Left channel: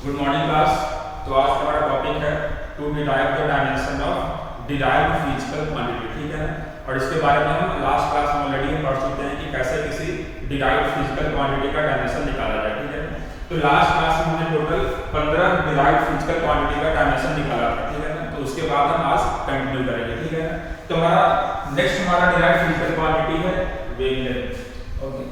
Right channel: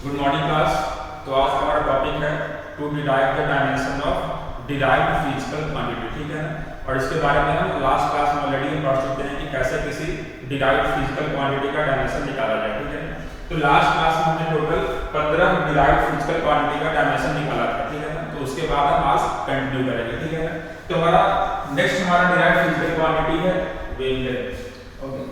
Good morning class. तो आज का हमारा टॉपिक है to derive the dimension of derived physical quantity, ठीक है ना। और इसके बारे में हम लास्ट क्लास में ऑलरेडी पढ़ चुके हैं कि कैसे किसी डिराइव्ड फिजिकल क्वांटिटी का डायमेंशन निकाला जाए, ठीक है ना। तो लास्ट क्लास में हमने टोटल 15 डिराइव्ड फिजिकल क्वांटिटी का डायमेंशन निकाला था, ठीक है ना। तो उसके बाद हम आज कंटिन्यू करेंगे, ठीक है। तो हमारा डिराइव्ड फिजिकल क्वांटिटी है वेवलेंथ। ओके,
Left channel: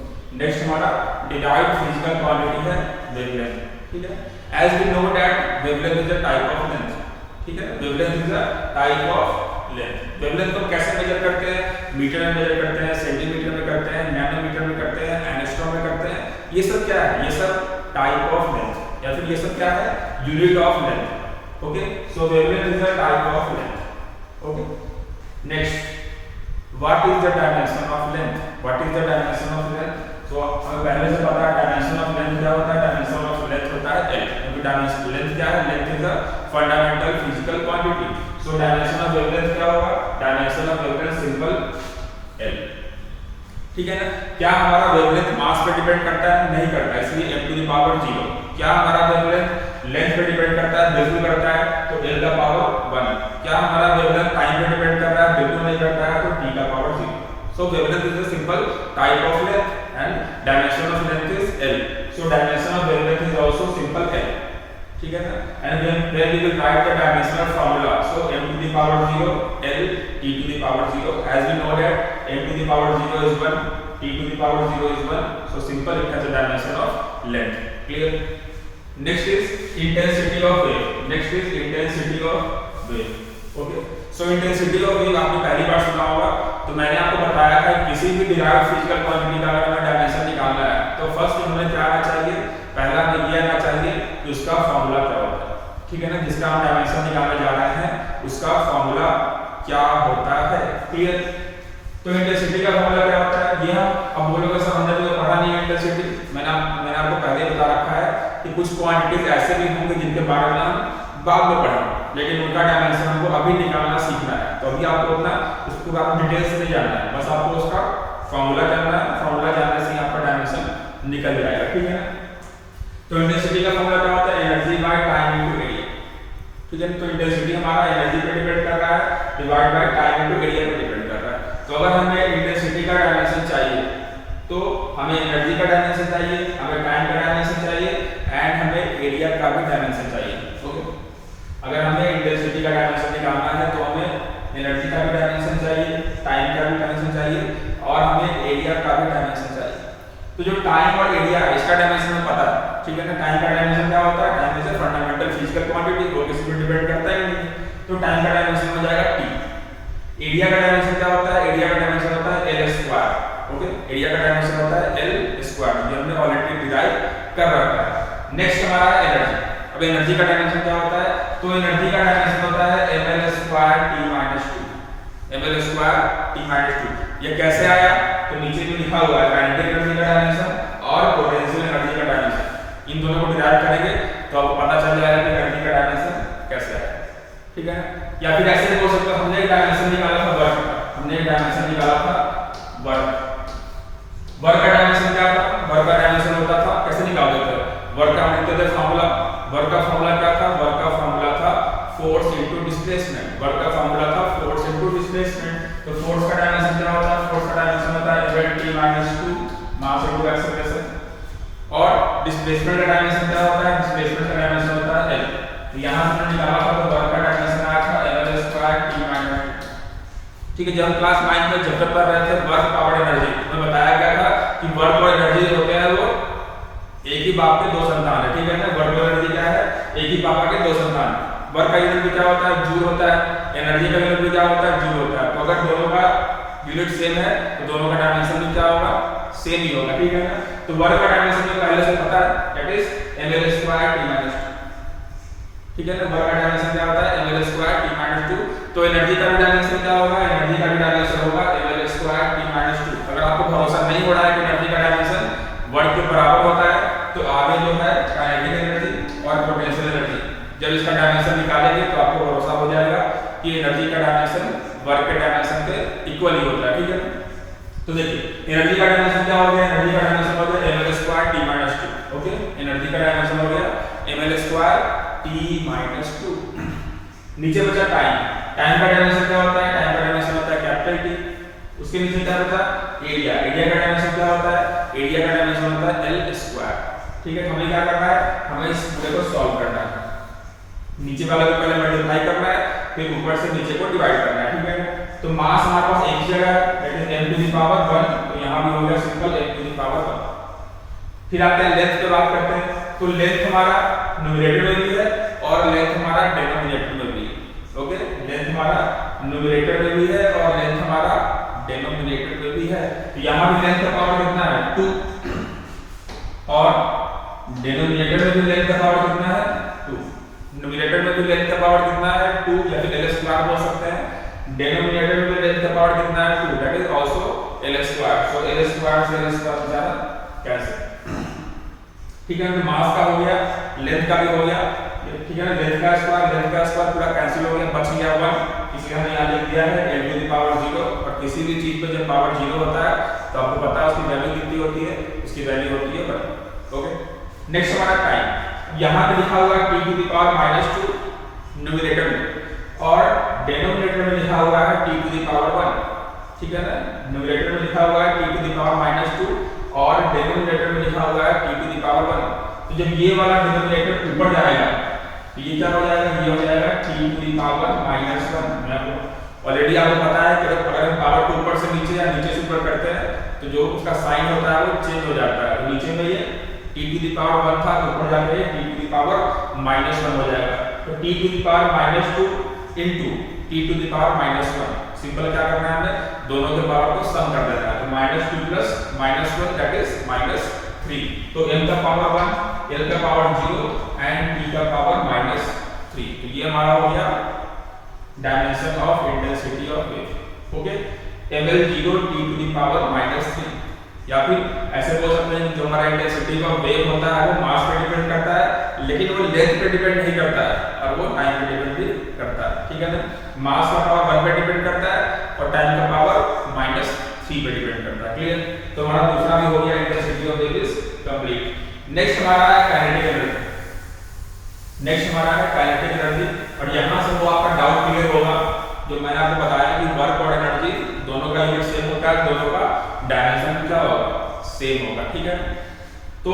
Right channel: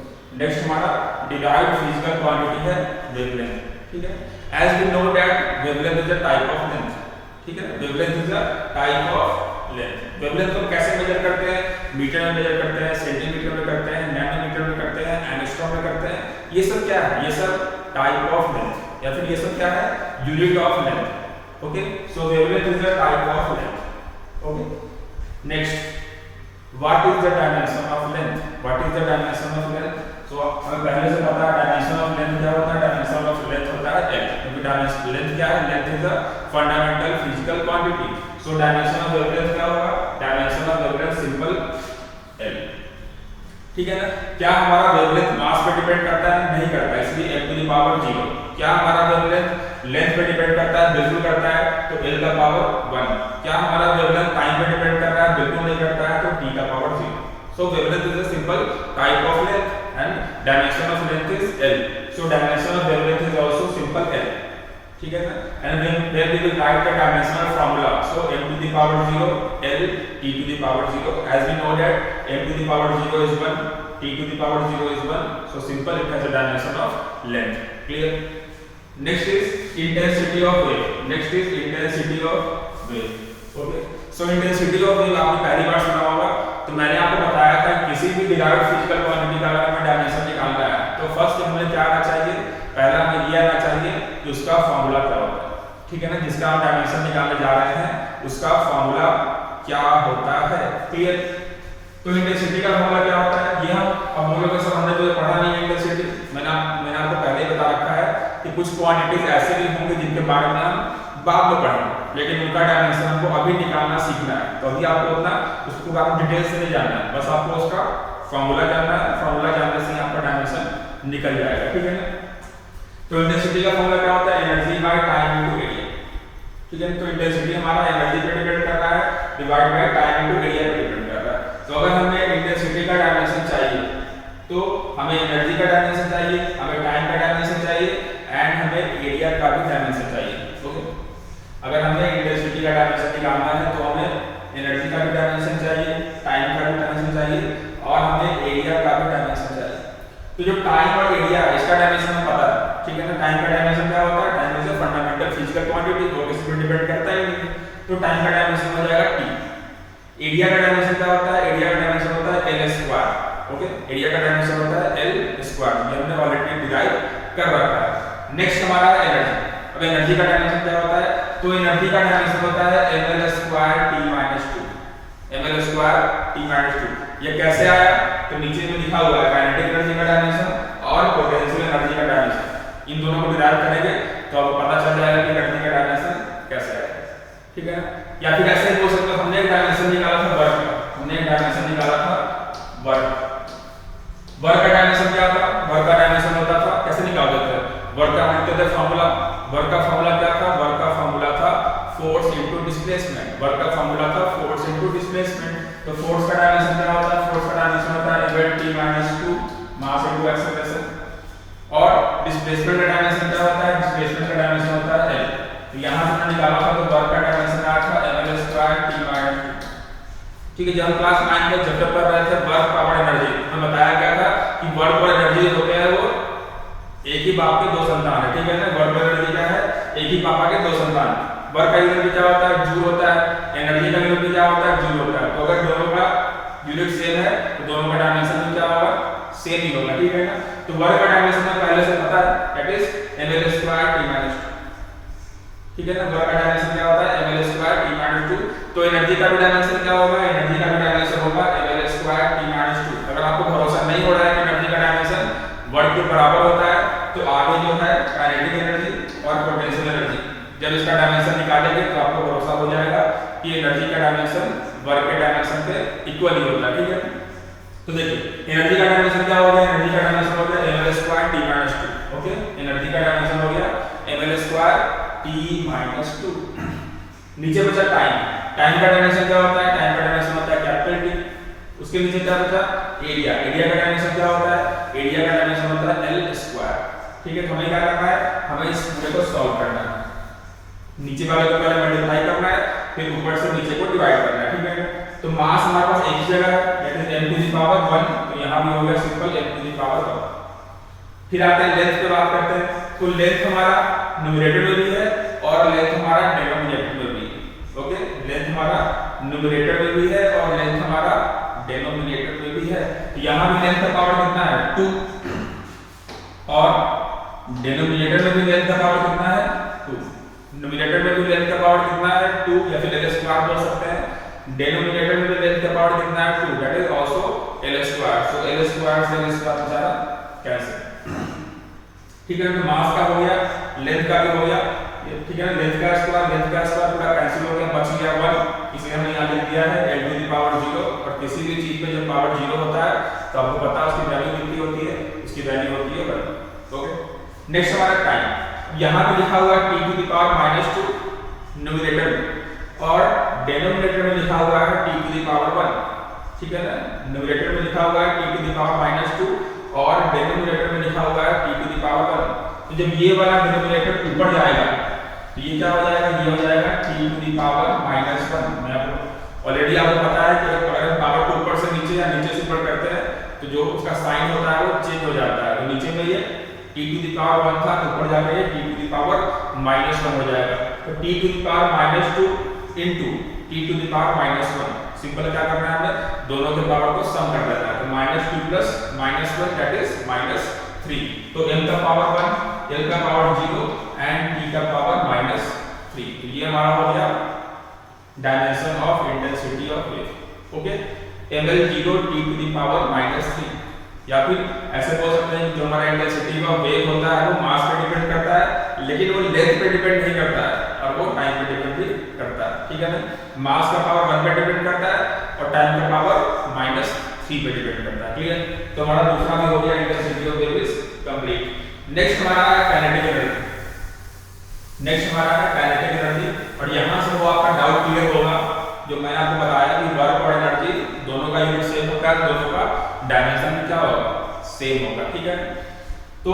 नेक्स्ट हमारा डिराइव्ड फिजिकल क्वांटिटी है वेवलेंथ, ठीक है। As we know that wavelength is a type of length, ठीक है। wavelength is a type of length। wavelength को कैसे मेजर करते हैं? मीटर में मेजर करते हैं, सेंटीमीटर में करते हैं, नैनोमीटर में करते हैं, एंगस्ट्रॉम में करते हैं। ये सब क्या है? ये सब टाइप ऑफ लेंथ या फिर ये सब क्या है? Unit of length. Okay, so wavelength is a type of length। Okay, next, what is the dimension of length? What is the dimension of length? तो हमें पहले से पता है डायमेंशन ऑफ लेंथ क्या होता है। डायमेंशन ऑफ लेंथ होता है एल, क्योंकि डायमेंशन लेंथ क्या है? Length is a fundamental physical quantity. So dimension of wavelength क्या होगा? Dimension of wavelength simple L, ठीक है ना। क्या हमारा वेवलेंथ मास पे डिपेंड करता है? नहीं करता, इसलिए m टू द पावर 0। क्या हमारा वेवलेंथ लेंथ पे डिपेंड करता है? बिल्कुल करता है, तो l का पावर 1। क्या हमारा वेवलेंथ टाइम पे डिपेंड कर रहा है? बिल्कुल नहीं करता है, तो t का power 0। So wavelength is a simple type of length and dimension of length is L. So dimension of wavelength is also simple L, ठीक है ना। And when we will write the dimensional formula, so m to the power 0 L t to the power 0. As we know that m to the power 0 is 1, t to the power 0 is 1. So simple, it has a dimension of length. Clear? Next is intensity of wave. Next is intensity of wave. Okay. So intensity of wave आपने पहली बार सुना होगा। तो मैंने आपको बताया था किसी भी डिराइव्ड फिजिकल क्वांटिटी का अगर हमें डायमेंशन निकालना है तो फर्स्ट हमें क्या आना चाहिए? पहला हमें ये आना चाहिए कि उसका फॉर्मूला क्या होता है, ठीक है ना। जिसका हम डायमेंशन निकालने जा रहे हैं उसका फॉर्मूला क्या होता है। क्लियर? तो इंटेंसिटी का फॉर्मूला क्या होता है? ये हम अब बोलोगे सर हमने तो पढ़ा नहीं है इंटेंसिटी। मैंने आपको पहले बता रखा है कि कुछ क्वांटिटीज ऐसे भी होंगे जिनके बारे में हम बाद में पढ़ेंगे, लेकिन उनका डायमेंशन हमको अभी निकालना सीखना है। तो अभी आपको अपना उसको बारे डिटेल से नहीं जानना है, बस आपको उसका फॉर्मूला जानना है। फॉर्मूला जानने से ही आपका डायमेंशन निकल जाएगा, ठीक है ना। तो इंटेंसिटी का फॉर्मूला क्या होता है? Energy by time into area, ठीक है। तो इंटेंसिटी हमारा एनर्जी पे डिपेंड कर रहा है, divide by time into area पे डिपेंड कर रहा है। तो अगर हमें इंटेंसिटी का डायमेंशन चाहिए तो हमें एनर्जी का डायमेंशन चाहिए, हमें टाइम का डायमेंशन चाहिए एंड हमें एरिया का भी डायमेंशन चाहिए। ओके, अगर हमें इंटेंसिटी का डायमेंशन निकालना है तो हमें एनर्जी का भी डायमेंशन चाहिए, टाइम का भी डायमेंशन चाहिए और हमें एरिया का भी डायमेंशन चाहिए। तो जो टाइम और एरिया है इसका डायमेंशन हमें पता है, ठीक है ना। टाइम का डायमेंशन क्या होता है? Time is a fundamental physical quantity, वो किसी पर डिपेंड करता ही नहीं। तो टाइम का डायमेंशन हो जाएगा t। एरिया का डायमेंशन क्या होता है? एरिया का डायमेंशन होता है l स्क्वायर। ओके, एरिया का डायमेंशन होता है l स्क्वायर, ये हमने ऑलरेडी डिराइव कर रखा है। नेक्स्ट हमारा एनर्जी। अब एनर्जी का डायमेंशन क्या होता है? तो एनर्जी का डायमेंशन होता है ml square t minus 2। ml square t minus 2 ये कैसे आया? तो नीचे में लिखा हुआ है काइनेटिक एनर्जी का डायमेंशन और पोटेंशियल एनर्जी का डायमेंशन। इन दोनों को डिराइव करेंगे तो आपको पता चल जाएगा कि एनर्जी का डायमेंशन कैसे आया, ठीक है। या फिर ऐसे बोल सकते हो, हमने एक डायमेंशन निकाला था वर्क का। हमने एक डायमेंशन निकाला था वर्क। वर्क का डायमेंशन क्या था? वर्क का डायमेंशन होता था, कैसे निकालते थे? वर्क का हम लेते थे फॉर्मूला। वर्क का फॉर्मूला क्या था? वर्क का फॉर्मूला था फोर्स इनटू डिस्प्लेसमेंट। वर्क का फॉर्मूला था फोर्स इनटू डिस्प्लेसमेंट। तो फोर्स का डायमेंशन क्या होता है? फोर्स का डायमेंशन होता है ml t - 2 mass into acceleration. और डिस्प्लेसमेंट का डायमेंशन क्या होता है? डिस्प्लेसमेंट का डायमेंशन होता है l। तो यहां से मैंने निकाला था तो वर्क का डायमेंशन आया था ml स्क्वायर t - 2, ठीक है। जब हम क्लास 9 में चैप्टर पढ़ रहे थे वर्क पावर एनर्जी, हमें बताया गया था कि वर्क और एनर्जी होते हैं वो एक ही बाप के दो संतान है, ठीक है ना। वर्क और एनर्जी क्या है? एक ही पापा के दो संतान। वर्क का यूनिट क्या होता है? जूल होता है। एनर्जी का यूनिट क्या होता है? जूल होता है। तो अगर दोनों का यूनिट सेम है तो दोनों का डायमेंशन भी क्या होगा? सेम ही होगा, ठीक है ना। तो वर्क का डायमेंशन हमें पहले से पता है, that is ml square t minus 2, ठीक है ना। वर्क का डायमेंशन क्या होता है? ml square t minus 2। तो एनर्जी का भी डायमेंशन क्या होगा? एनर्जी का भी डायमेंशन होगा ml स्क्वायर t माइनस 2। अगर आपको भरोसा नहीं हो रहा है कि एनर्जी का डायमेंशन वर्क के बराबर होता है तो आगे जो है काइनेटिक एनर्जी और पोटेंशियल एनर्जी, जब इसका डायमेंशन निकालेंगे तो आपको भरोसा हो जाएगा कि एनर्जी का डायमेंशन वर्क के डायमेंशन के इक्वल ही होता है, ठीक है। तो देखिए एनर्जी का डायमेंशन क्या हो गया? एनर्जी का डायमेंशन हो गया ml square t - 2। Okay, energy का डायमेंशन हो गया ml स्क्वायर t माइनस 2। नीचे बचा टाइम, टाइम का डायमेंशन क्या होता है, टाइम का डायमेंशन होता है कैपिटल टी। उसके नीचे क्या बचा, एरिया, एरिया का डायमेंशन क्या होता है, एरिया का डायमेंशन होता है एल स्क्वायर। ठीक है, हमें क्या करना है, हमें इस पूरे को सॉल्व करना है। नीचे वाले को पहले मल्टीप्लाई करना है, फिर ऊपर से नीचे को डिवाइड करना है। ठीक है, तो मास हमारे पास एक ही जगह है, that is m to the power 1, तो यहां भी हो गया simple m to the power 1। फिर आते हैं लेंथ पे बात करते हैं, तो लेंथ हमारा न्यूमरेटर में भी है और लेंथ हमारा डिनोमिनेटर में भी है। ओके, लेंथ हमारा न्यूमरेटर में भी है और लेंथ हमारा डिनोमिनेटर में भी है। तो यहां भी लेंथ का पावर कितना है 2 और डिनोमिनेटर में भी लेंथ का पावर कितना है 2। न्यूमरेटर में भी लेंथ का पावर कितना है 2 या फिर l स्क्वायर बोल सकते हैं। डिनोमिनेटर में भी लेंथ का पावर कितना है 2, that is also l square. So l square से l स्क्वायर बचा कैंसिल। ठीक है, तो मास का हो गया, लेंथ का भी हो गया। ठीक है, लेंथ का स्क्वायर पूरा कैंसिल हो गया, बच गया 1, इसलिए हमने यहां लिख दिया है l टू द पावर 0। और किसी भी चीज पे जब पावर 0 होता है तो आपको पता है उसकी वैल्यू कितनी होती है, उसकी वैल्यू होती है 1। ओके, नेक्स्ट हमारा टाइम, यहां पे लिखा हुआ है t to the power -2 numerator में और डिनोमिनेटर में लिखा हुआ है t टू द पावर 1। ठीक है ना, न्यूमरेटर में लिखा हुआ है t टू द पावर -2 और डिनोमिनेटर में लिखा हुआ है t टू द पावर 1। तो जब ये वाला डिनोमिनेटर ऊपर जाएगा तो ये क्या हो जाएगा, ये हो जाएगा t टू द पावर -1। मैं आपको ऑलरेडी आपको पता है कि अगर पावर को ऊपर से नीचे या नीचे से ऊपर करते हैं तो जो उसका साइन होता है वो चेंज हो जाता है। तो नीचे में ये t टू द पावर 1 था, तो ऊपर जाके t टू द पावर -1 हो जाएगा। तो t to the power -2 into t to the power -1, simple क्या करना है, हमें दोनों के पावर को सम कर देना है। तो -2 प्लस -1 दैट इज -3। तो n का पावर 1, l का पावर 0 एंड t का पावर -3। तो ये हमारा हो गया dimension of intensity of wave. Okay, ml 0 t to the power -3। या फिर ऐसे बोल सकते हैं जो हमारा इंटेंसिटी ऑफ वेव होता है वो मास पे डिपेंड करता है, लेकिन वो लेंथ पे डिपेंड नहीं करता है और वो टाइम पे डिपेंड भी करता है। ठीक है ना, मास का पावर 1 पे डिपेंड करता है और टाइम का पावर -3 पे डिपेंड करता है। क्लियर, तो हमारा दूसरा भी हो गया intensity of wave is complete. Next हमारा है काइनेटिक एनर्जी। और यहां से वो आपका डाउट क्लियर होगा जो मैंने आपको बताया कि वर्क और एनर्जी दोनों का यूनिट सेम होता है, दोनों का डायमेंशन क्या होगा, सेम होगा। ठीक है, तो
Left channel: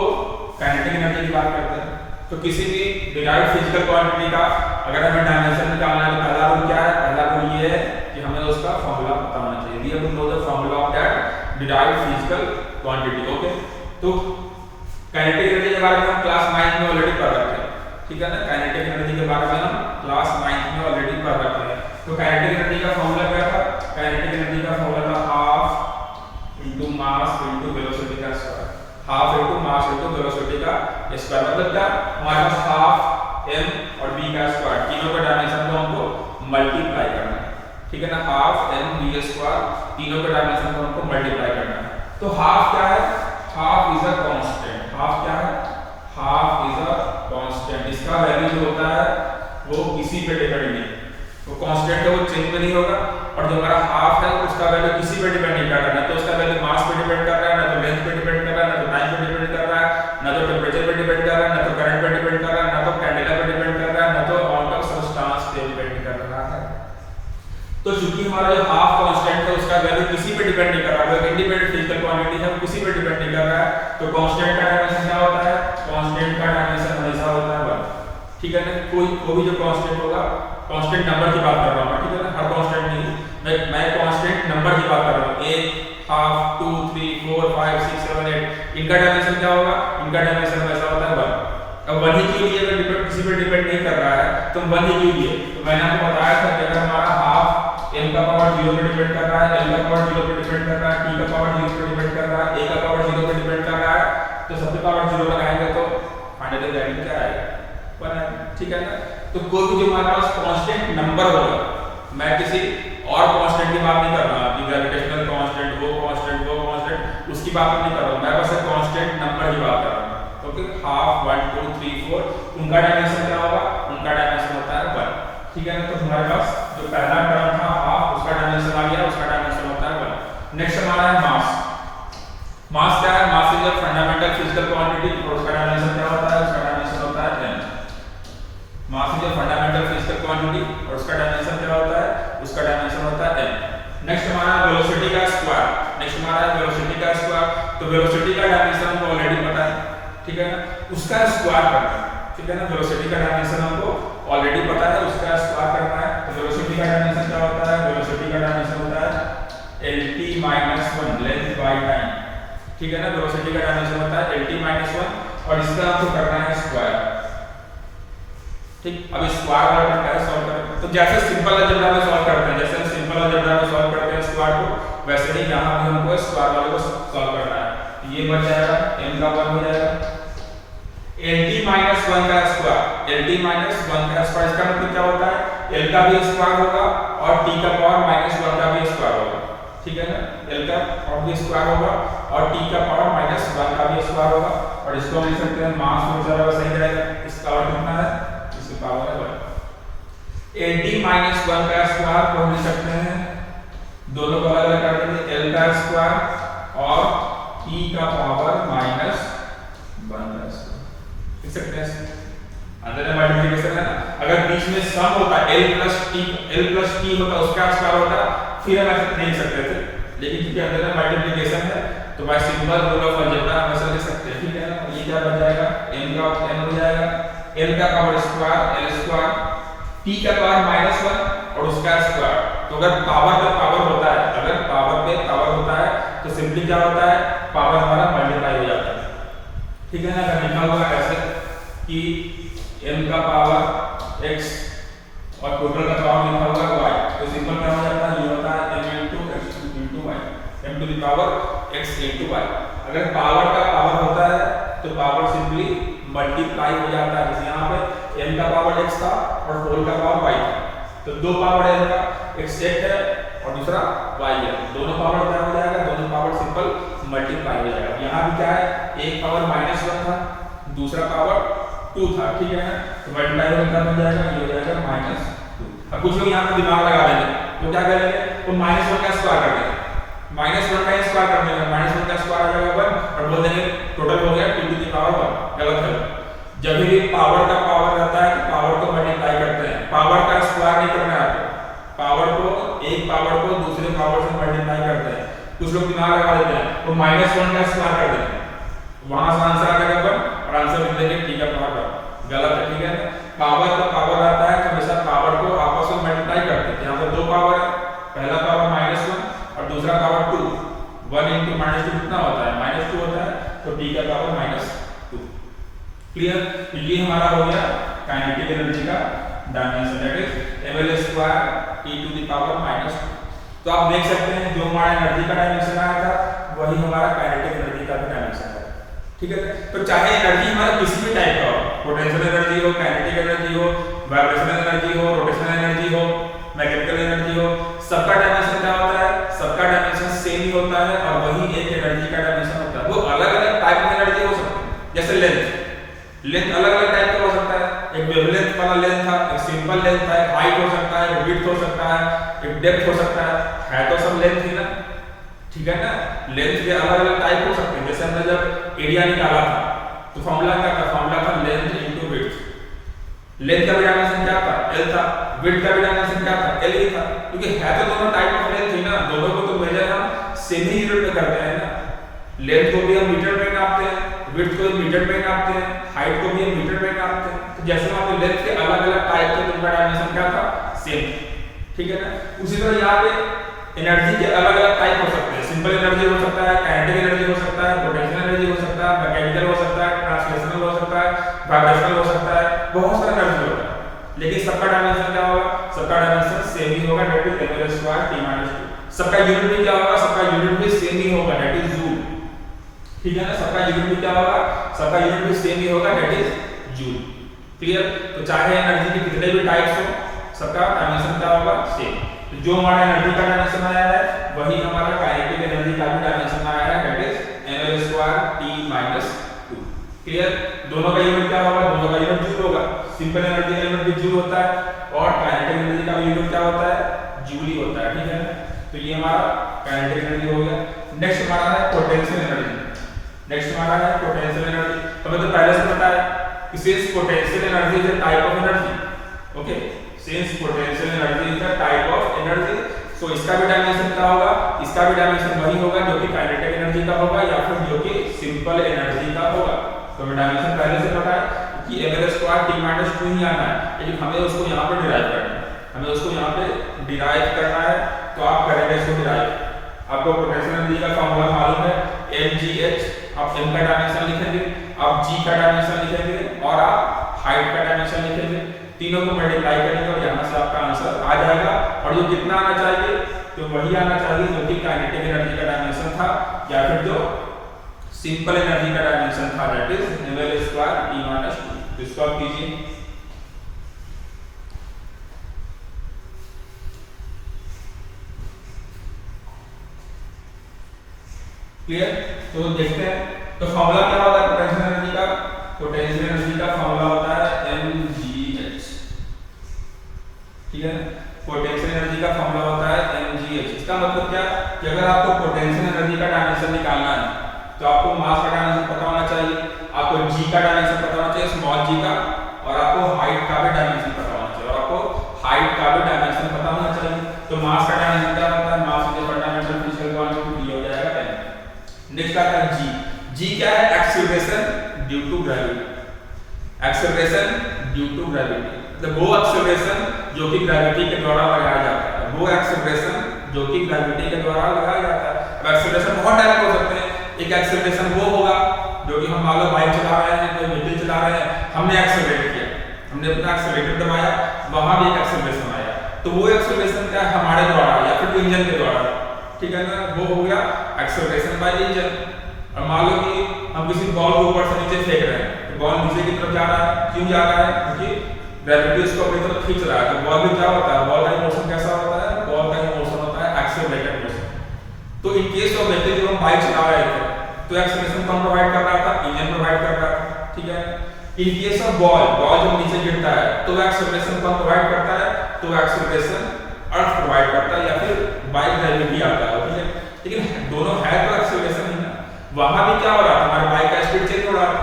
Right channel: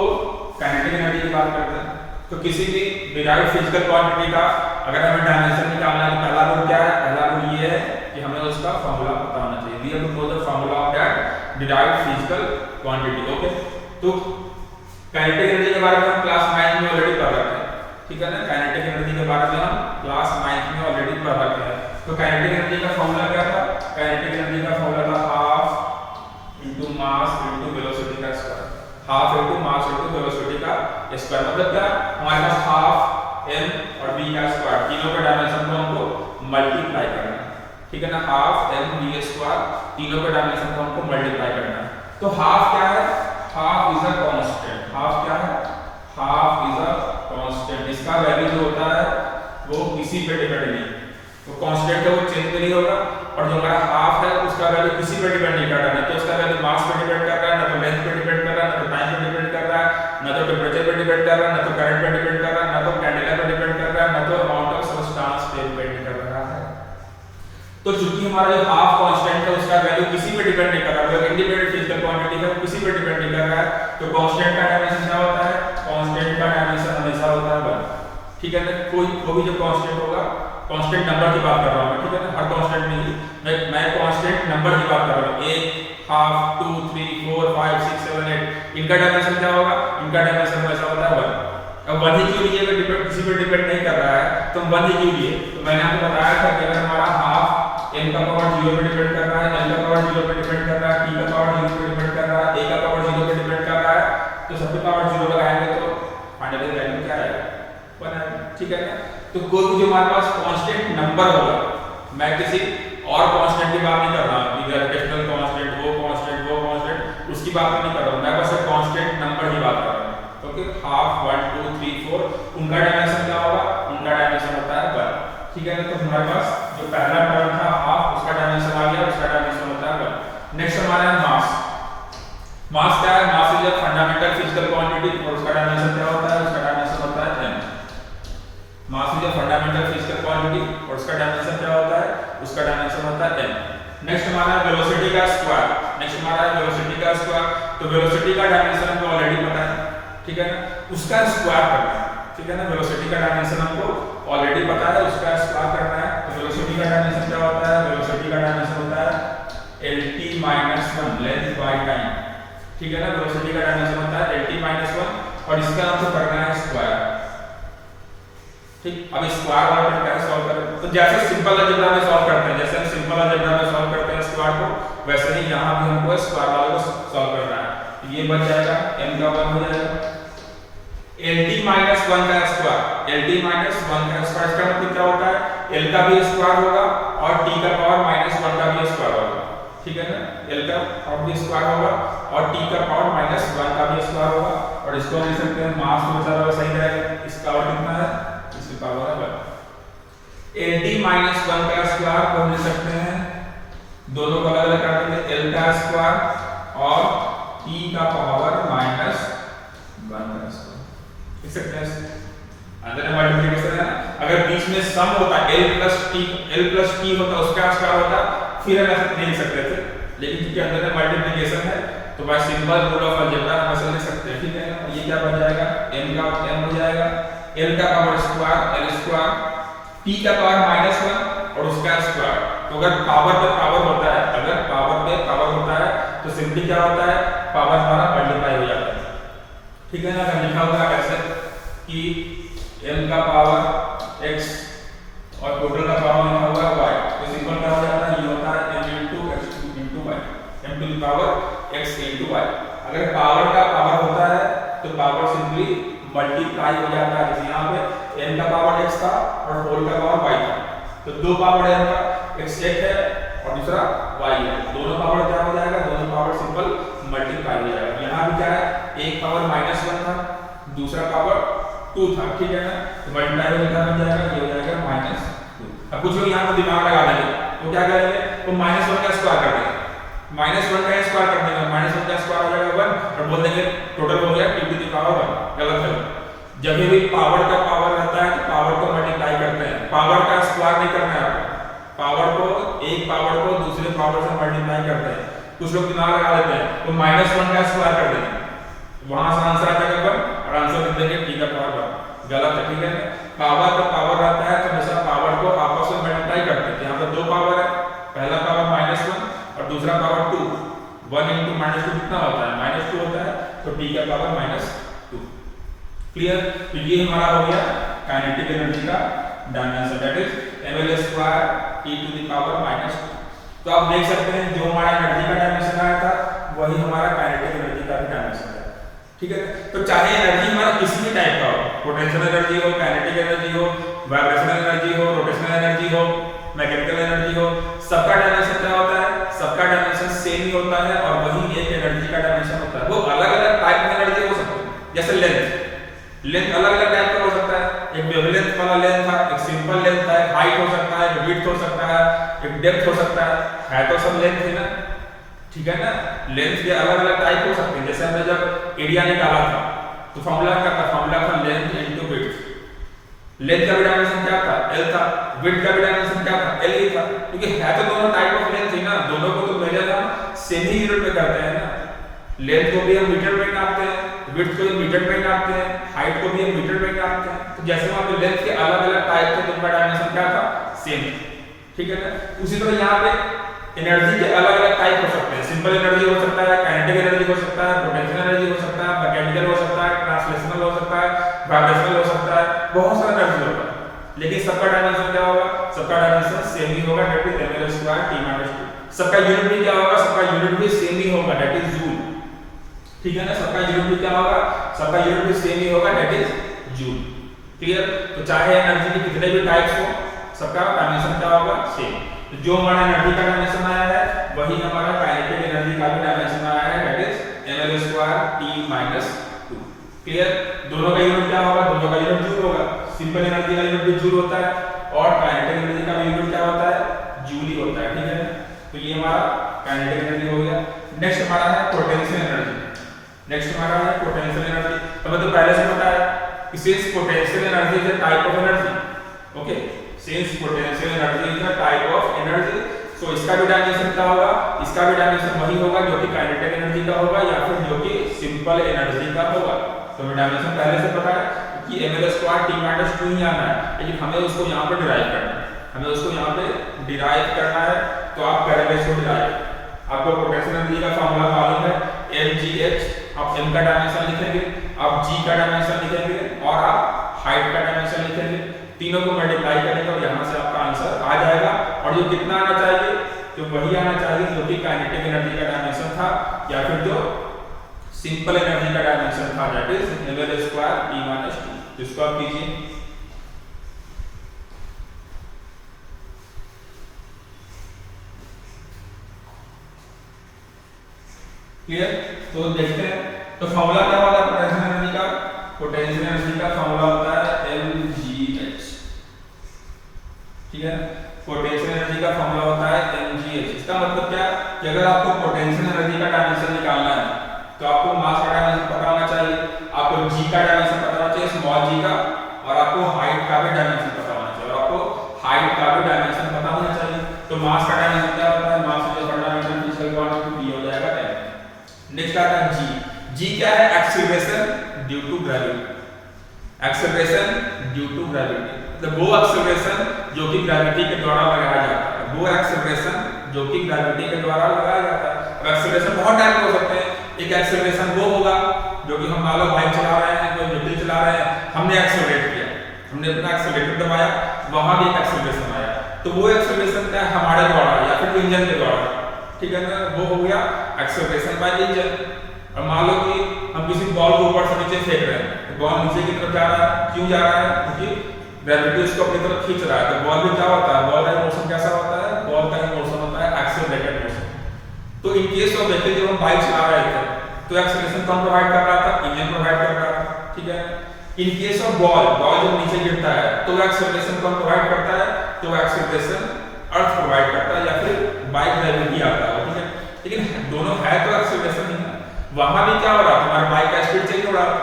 काइनेटिक एनर्जी की बात करते हैं। तो किसी भी डिराइव्ड फिजिकल क्वांटिटी का अगर हमें डायमेंशन निकालना है तो पहला रूल क्या है, पहला रूल ये है कि हमें उसका फार्मूला पता होना चाहिए। We have to know the formula of that derived physical quantity. Okay, तो काइनेटिक एनर्जी के बारे में हम क्लास 9 में ऑलरेडी पढ़ रखे हैं। ठीक है ना, काइनेटिक एनर्जी के बारे में हम क्लास 9 में ऑलरेडी पढ़ रखे हैं। तो काइनेटिक एनर्जी का फार्मूला क्या था, काइनेटिक एनर्जी का फार्मूला था half into mass into velocity का square. Half into mass into velocity का स्क्वायर मतलब क्या, हमारे पास हाफ m और v का स्क्वायर, तीनों के डायमेंशन को हमको मल्टीप्लाई करना है। ठीक है ना, हाफ m v स्क्वायर, तीनों के डायमेंशन को हमको मल्टीप्लाई करना है। तो हाफ क्या है, half is a constant. Half क्या है, हाफ इज अ कांस्टेंट। इसका वैल्यू जो होता है वो किसी पे डिपेंड नहीं, तो कांस्टेंट है वो चेंज में नहीं होगा। और जो हमारा हाफ है उसका वैल्यू किसी पे डिपेंड नहीं कर रहा है, ना तो उसका वैल्यू मास पे डिपेंड कर रहा है, ना तो लेंथ पे डिपेंड कर रहा है, ना तो टाइम पे डिपेंड कर रहा है, ना तो टेंपरेचर पे डिपेंड कर रहा है, ना तो करंट पे डिपेंड कर रहा है, ना तो कैंडेला पे डिपेंड कर रहा है, ना तो अमाउंट ऑफ सब्सटेंस पे डिपेंड कर रहा है। तो चूंकि हमारा जो हाफ कांस्टेंट है उसका वैल्यू किसी पे डिपेंड नहीं कर रहा है, इंडिपेंडेंट फिजिकल क्वांटिटी है वो किसी पे डिपेंड नहीं कर रहा है, तो कांस्टेंट का डायमेंशन क्या होता है, कांस्टेंट का डायमेंशन हमेशा होता है 1। ठीक है ना, कोई भी जो कांस्टेंट होगा, कांस्टेंट नंबर की बात कर रहा हूं मैं। ठीक है ना, हर कांस्टेंट नहीं, मैं कांस्टेंट नंबर की बात कर रहा हूं। 1, हाफ, 2, 3, 4, 5, 6, 7, 8 इनका डायमेंशन क्या होगा, इनका डायमेंशन हमेशा होता है 1। अब 1 ही क्यों लिए, अगर डिपेंड किसी पे डिपेंड नहीं कर रहा है तो 1 ही क्यों लिए, तो मैंने आपको बताया था कि अगर हमारा हाफ m का पावर 0 पे डिपेंड कर रहा है, l का पावर 0 पे डिपेंड कर रहा है, t का पावर 0 पे डिपेंड कर रहा है, a का पावर 0 पे डिपेंड कर रहा है, तो सबके पावर 0 लगाएंगे तो फाइनली वैल्यू क्या आएगा, 1 है। ठीक है ना, तो कोई भी जो हमारे पास कांस्टेंट नंबर होगा, मैं किसी और कांस्टेंट की बात नहीं कर रहा हूं, ग्रेविटेशनल कांस्टेंट, वो कांस्टेंट उसकी बात नहीं कर रहा हूं, मैं बस एक कांस्टेंट नंबर की बात कर रहा हूं। ओके, हाफ, 1, 2, 3, 4 उनका डायमेंशन क्या होगा, उनका डायमेंशन होता है 1। ठीक है ना, तो हमारे पास जो पहला टर्म था हाफ, उसका डायमेंशन आ गया, उसका डायमेंशन होता है 1। नेक्स्ट हमारा है मास। मास क्या है, mass is a fundamental physical quantity और उसका डायमेंशन क्या होता है, उसका डायमेंशन होता है m। उसका स्क्वायर करना है, ठीक है ना। वेलोसिटी का डायमेंशन हमको ऑलरेडी पता है, उसका स्क्वायर करना है। तो वेलोसिटी का डायमेंशन क्या होता है? वेलोसिटी का डायमेंशन होता है lt minus 1 length by time, ठीक है ना। वेलोसिटी का डायमेंशन होता है lt माइनस 1 और इसका आपको करना है स्क्वायर, ठीक। अब स्क्वायर वाला क्या सॉल्व करें? तो जैसे सिंपल अलजेब्रा में सॉल्व करते हैं, जैसे हम सिंपल अलजेब्रा में सॉल्व करते हैं स्क्वायर को, वैसे ही यहां भी हमको स्क्वायर वाले को सॉल्व करना है। ये बच जाएगा m का 1 हो जाएगा lt माइनस 1 का स्क्वायर, lt माइनस 1 का स्क्वायर, इसका मतलब क्या होता है? l का भी स्क्वायर होगा और t का पावर माइनस 1 का भी स्क्वायर होगा, ठीक है ना। l का पावर भी स्क्वायर होगा और t का पावर माइनस 1 का भी स्क्वायर होगा। और इसको लिख सकते हैं मास तो जरा सही रहेगा, इसका पावर कितना है? इसका पावर है 1। lt माइनस 1 का स्क्वायर को हम लिख सकते हैं, दोनों को अलग अलग कर देंगे, l का स्क्वायर और t का पावर माइनस 1 का स्क्वायर लिख सकते हैं। अंदर में मल्टीप्लिकेशन है, अगर बीच में सम होता l प्लस t होता उसका स्क्वायर होता फिर हम ऐसे नहीं लिख सकते थे, लेकिन क्योंकि अंदर में मल्टीप्लिकेशन है तो bye simple rule of algebra हम ऐसे लिख सकते हैं, ठीक है ना। ये क्या बन जाएगा? m का m हो जाएगा, l का power square l square, t का पावर माइनस 1 और उसका स्क्वायर। तो अगर पावर पे पावर होता है, अगर पावर पे पावर होता है तो सिंपली क्या होता है? पावर हमारा मल्टीप्लाई हो जाता है, ठीक है ना। अगर लिखा होगा ऐसे कि m का पावर x और टोटल का पावर लिखा हुआ है y, तो सिंपल क्या हो जाता है? ये होता है m into x into y, m to the power x into y। अगर पावर का पावर होता है तो पावर सिंपली मल्टीप्लाई हो जाता है, जैसे यहाँ पे m का पावर x था और होल का पावर y था, तो दो पावर है m का, x एक है और दूसरा y है, दोनों पावर क्या हो जाएगा? दोनों पावर सिंपल मल्टीप्लाई हो जाएगा। यहाँ भी क्या है? एक पावर माइनस 1 था, दूसरा पावर 2 था, ठीक है ना। तो मल्टीप्लाई होने का बन जाएगा, ये हो जाएगा माइनस 2। अब कुछ लोग यहाँ पर दिमाग लगा देंगे, तो क्या करेंगे? तो माइनस 1 का स्क्वायर कर देंगे, माइनस 1 का स्क्वायर कर देंगे, माइनस 1 का स्क्वायर आ जाएगा 1 और बोल देंगे टोटल हो गया 2 to the power 1। गलत है। जब भी पावर का पावर रहता है तो पावर को मल्टीप्लाई करते हैं, पावर का स्क्वायर नहीं करना है आपको, पावर को एक पावर को दूसरे पावर से मल्टीप्लाई करते हैं। कुछ लोग दिमाग लगा देते हैं, तो माइनस 1 का स्क्वायर कर देंगे, वहां से आंसर आ जाएगा 1 और आंसर लिख देंगे t का पावर 1। गलत है, ठीक है ना। पावर का पावर रहता है तो हमेशा पावर को आपस में मल्टीप्लाई करते हैं। यहाँ पर दो पावर है, पहला पावर माइनस 1 और दूसरा पावर 2, 1 into माइनस 2 कितना होता है? माइनस 2 होता है, तो t का पावर माइनस 2। क्लियर? तो ये हमारा हो गया काइनेटिक एनर्जी का dimension, that is ml square t to the power minus 2। तो आप देख सकते हैं जो हमारा एनर्जी का डायमेंशन आया था वही हमारा काइनेटिक एनर्जी का भी डायमेंशन है, ठीक है। तो चाहे एनर्जी हमारा किसी भी टाइप का हो, पोटेंशियल एनर्जी हो, काइनेटिक एनर्जी हो, वाइब्रेशनल एनर्जी हो, रोटेशनल एनर्जी हो, मैकेनिकल एनर्जी हो, सबका डायमेंशन क्या होता है? सबका डायमेंशन सेम ही होता है और वही एक एनर्जी का डायमेंशन होता है। वो अलग अलग टाइप की एनर्जी हो सकती है, जैसे लेंथ अलग अलग टाइप का हो सकता है, एक वेवलेंथ वाला लेंथ था, एक सिंपल लेंथ था, एक हाइट हो सकता है, एक विड्थ हो सकता है, एक डेप्थ हो सकता है तो सब लेंथ ही ना, ठीक है ना। लेंथ के अलग अलग टाइप हो सकते हैं। जैसे हमने जब एरिया निकाला था तो फॉर्मूला क्या था? फॉर्मूला था लेंथ इनटू विड्थ। लेंथ का भी डायमेंशन क्या था? l था। विड्थ का भी डायमेंशन क्या था? l ही था, क्योंकि है तो दोनों टाइप ऑफ लेंथ ही ना, दोनों को तो मेजर हम सेम ही यूनिट में करते हैं ना। लेंथ को भी हम मीटर में नापते हैं, विड्थ को भी मीटर में नापते हैं, हाइट को भी हम मीटर में नापते हैं। तो जैसे वहां पे लेंथ के अलग अलग टाइप थे तो उनका डायमेंशन क्या था? सेम, ठीक है ना। उसी तरह यहाँ पे एनर्जी के अलग अलग टाइप हो सकते हैं। सिंपल एनर्जी हो सकता है, काइनेटिक एनर्जी हो सकता है, पोटेंशियल एनर्जी हो सकता है, मैकेनिकल हो सकता है, ट्रांसलेशनल हो सकता है, वाइब्रेशनल हो सकता है, बहुत सारा एनर्जी होता है। लेकिन सबका डायमेंशन क्या होगा? सबका डायमेंशन सेम ही होगा, that is ml square t minus 2। सबका यूनिट भी क्या होगा? सबका यूनिट भी सेम ही होगा, दैट इज जूल, ठीक है ना। सबका यूनिट भी क्या होगा? सबका यूनिट भी सेम ही होगा, दैट इज जूल। क्लियर? तो चाहे एनर्जी के कितने भी टाइप्स हो, सबका डायमेंशन क्या होगा? सेम। तो जो हमारा एनर्जी का डायमेंशन आया है वही हमारा काइनेटिक एनर्जी का भी डायमेंशन आया है, that is ml square t minus 2। Clear? दोनों का यूनिट क्या होगा? दोनों का यूनिट जूल होगा। सिंपल एनर्जी का यूनिट भी जूल होता है और काइनेटिक एनर्जी का भी यूनिट क्या होता है? जूल ही होता है, ठीक है ना। तो ये हमारा काइनेटिक एनर्जी हो गया। नेक्स्ट हमारा है पोटेंशियल एनर्जी। नेक्स्ट हमारा है पोटेंशियल एनर्जी। तो हमें तो पहले से पता है कि since potential energy is a type of energy, okay, since potential energy is a type of energy, so इसका भी डायमेंशन क्या होगा? इसका भी डायमेंशन वही होगा जो कि काइनेटिक एनर्जी का होगा या फिर जो कि सिंपल एनर्जी का होगा। तो हमें डायमेंशन पहले से पता है कि ml स्क्वायर t माइनस 2 ही आना है, लेकिन हमें उसको यहाँ पर डिराइव करना है, हमें उसको यहाँ पे डिराइव करना है। तो आप करेंगे इसको डिराइव। आपको पोटेंशियल एनर्जी का फॉर्मूला मालूम है mgh, आप m का डायमेंशन लिखेंगे, आप g का डायमेंशन लिखेंगे और आप हाइट का डायमेंशन लिखेंगे, तीनों को मल्टीप्लाई करेंगे और यहाँ से आपका आंसर आ जाएगा। और जो कितना आना चाहिए तो वही आना चाहिए जो कि काइनेटिक एनर्जी का डायमेंशन था या फिर जो सिंपल एनर्जी का डायमेंशन था, that is ml square t minus 2। तो इसको आप कीजिए। क्लियर? तो देखते हैं तो फॉर्मूला क्या होता है पोटेंशियल एनर्जी का। पोटेंशियल एनर्जी का फॉर्मूला होता है mgh, ठीक है। पोटेंशियल एनर्जी का फॉर्मूला होता है mgh। इसका मतलब क्या कि अगर आपको पोटेंशियल एनर्जी का डायमेंशन निकालना है तो आपको मास का डायमेंशन पता होना चाहिए, आपको g का डायमेंशन पता होना चाहिए स्मॉल g का, और आपको हाइट का भी डायमेंशन पता होना चाहिए, और आपको हाइट का भी डायमेंशन पता होना चाहिए। तो मास का डायमेंशन क्या होता है, mass is fundamental physical quantity, ये हो जाएगा 10। नेक्स्ट आता है g क्या है, acceleration due to gravity. Acceleration due to gravity मतलब वो एक्सीलरेशन जो कि ग्रेविटी के द्वारा लगाया जाता है, वो एक्सीलरेशन जो कि ग्रेविटी के द्वारा लगाया जाता है। अब एक्सीलरेशन बहुत टाइप के हो सकते हैं। एक एक्सीलरेशन वो होगा जो कि हम मान लो बाइक चला रहे हैं, कोई व्हीकल चला रहे हैं, हमने एक्सीलरेट किया, हमने अपना एक्सीलरेटर दबाया, वहां भी एक एक्सीलरेशन आया, तो वो एक्सीलरेशन क्या है, हमारे द्वारा या फिर इंजन के द्वारा, ठीक है ना, वो हो गया एक्सीलरेशन बाय इंजन। और मान लो कि हम किसी बॉल को ऊपर से नीचे फेंक रहे हैं, तो बॉल नीचे की तरफ जा रहा है, क्यों जा रहा है, क्योंकि ग्रेविटी उसको अपनी तरफ खींच रहा है। तो बॉल भी क्या होता है, बॉल का मोशन कैसा होता है, बॉल का मोशन होता है एक्सेलरेटेड मोशन। तो इन केस ऑफ देखते जब हम बाइक चला रहे थे तो एक्सेलरेशन कौन प्रोवाइड कर रहा था, इंजन प्रोवाइड कर रहा था, ठीक है। इन केस ऑफ बॉल जब नीचे गिरता है तो एक्सेलरेशन कौन प्रोवाइड करता है, तो एक्सेलरेशन अर्थ प्रोवाइड करता है या फिर बाय ग्रेविटी आता है, ठीक है। लेकिन दोनों है तो एक्सेलरेशन ही है। वहां भी क्या हो रहा है, हमारे बाइक का स्पीड चेंज हो रहा है,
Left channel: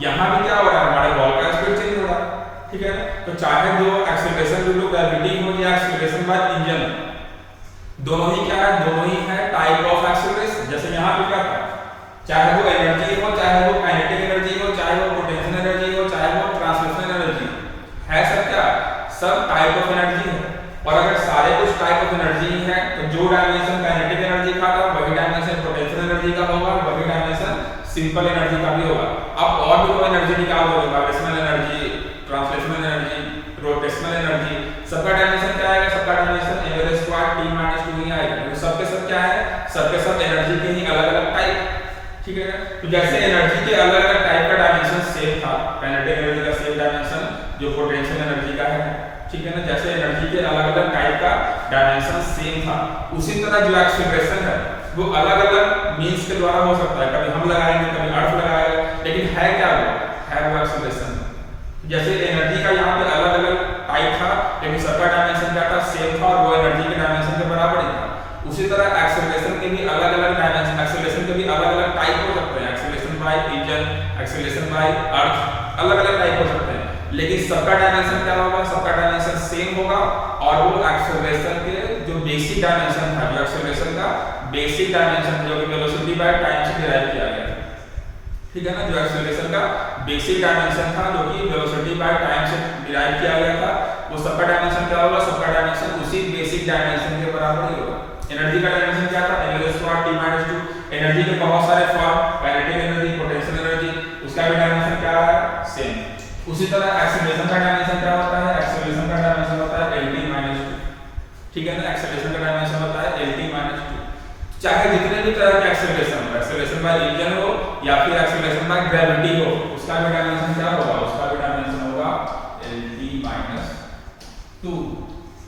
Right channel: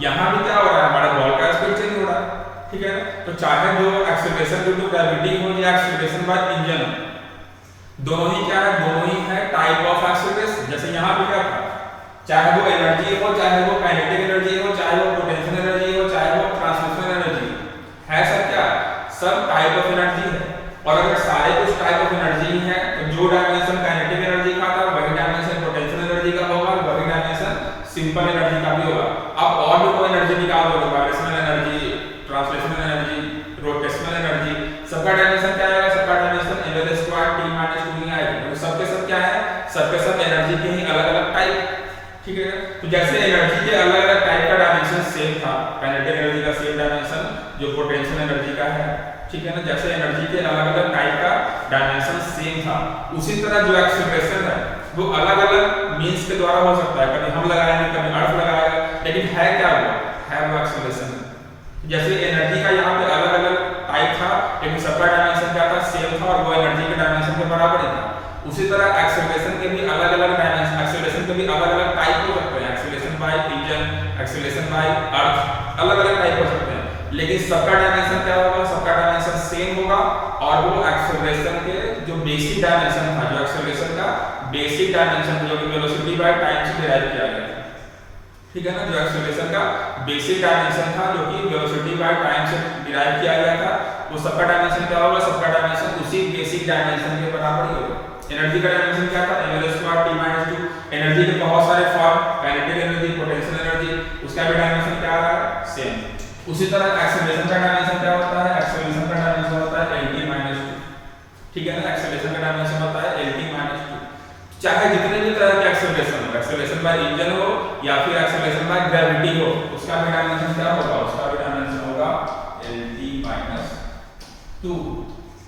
यहाँ भी क्या हो रहा है, हमारे बॉल का स्पीड चेंज हो रहा है, ठीक है। तो चाहे जो एक्सेलरेशन ड्यू टू ग्रेविटी हो या एक्सेलरेशन बाय इंजन हो, दोनों ही क्या है, दोनों ही है टाइप ऑफ एक्सेलरेशन। जैसे यहाँ पे क्या था, चाहे वो एनर्जी हो, चाहे वो काइनेटिक एनर्जी हो, चाहे वो पोटेंशियल एनर्जी हो, चाहे वो ट्रांसलेशनल एनर्जी है, सब क्या, सब टाइप ऑफ एनर्जी है। और अगर सारे कुछ टाइप ऑफ एनर्जी है तो जो डायमेंशन काइनेटिक एनर्जी का था वही डायमेंशन पोटेंशियल एनर्जी का होगा, वही डायमेंशन सिंपल एनर्जी का भी होगा। अब और भी कोई एनर्जी निकाल दोगे, vibrational energy, translational energy, rotational energy, सबका डायमेंशन क्या आएगा, सबका dimension ml square t minus 2 ही आएगा। तो सबके सब क्या है, सबके सब एनर्जी के ही अलग अलग टाइप, ठीक है ना। तो जैसे एनर्जी के अलग अलग टाइप का डायमेंशन सेम था, काइनेटिक एनर्जी का सेम डायमेंशन जो पोटेंशियल एनर्जी का है, ठीक है ना। जैसे एनर्जी के अलग अलग टाइप का डायमेंशन सेम था, उसी तरह जो एक्सेलरेशन है वो अलग अलग मींस के द्वारा हो सकता है, कभी हम लगाएंगे, कभी अर्थ लगाएगा, लेकिन है क्या वो, है वो एक्सेलरेशन। जैसे एनर्जी का यहाँ पे अलग अलग टाइप था लेकिन सबका डायमेंशन क्या था, सेम था, और वो एनर्जी के डायमेंशन के बराबर ही था। उसी तरह एक्सेलरेशन के भी अलग अलग डायमेंशन, एक्सेलरेशन के भी अलग अलग टाइप हो सकते हैं, acceleration by engine, acceleration by earth, अलग अलग टाइप हो सकते हैं, लेकिन सबका डायमेंशन क्या होगा, सबका डायमेंशन सेम होगा। और वो एक्सेलरेशन के जो बेसिक डायमेंशन था, जो एक्सेलरेशन का बेसिक डायमेंशन जो कि वेलोसिटी बाय टाइम से डिराइव किया गया था, ठीक है ना। जो एक्सेलरेशन का बेसिक डायमेंशन था जो कि वेलोसिटी बाय टाइम से डिराइव किया गया था, वो सबका डायमेंशन क्या होगा, सबका डायमेंशन उसी बेसिक डायमेंशन के बराबर ही होगा। एनर्जी का डायमेंशन क्या था, ml square t minus 2। Energy के बहुत सारे form, kinetic energy, potential energy, उसका भी डायमेंशन क्या है, सेम। उसी तरह एक्सेलरेशन का डायमेंशन क्या होता है, एक्सेलरेशन का डायमेंशन होता है lt माइनस 2, ठीक है ना। एक्सेलरेशन का डायमेंशन होता है lt माइनस 2। चाहे जितने भी तरह के एक्सेलरेशन हो, एक्सेलरेशन बाय इंजन हो या फिर एक्सेलरेशन बाय ग्रेविटी हो, उसका भी डायमेंशन क्या होगा, उसका भी डायमेंशन होगा lt माइनस 2,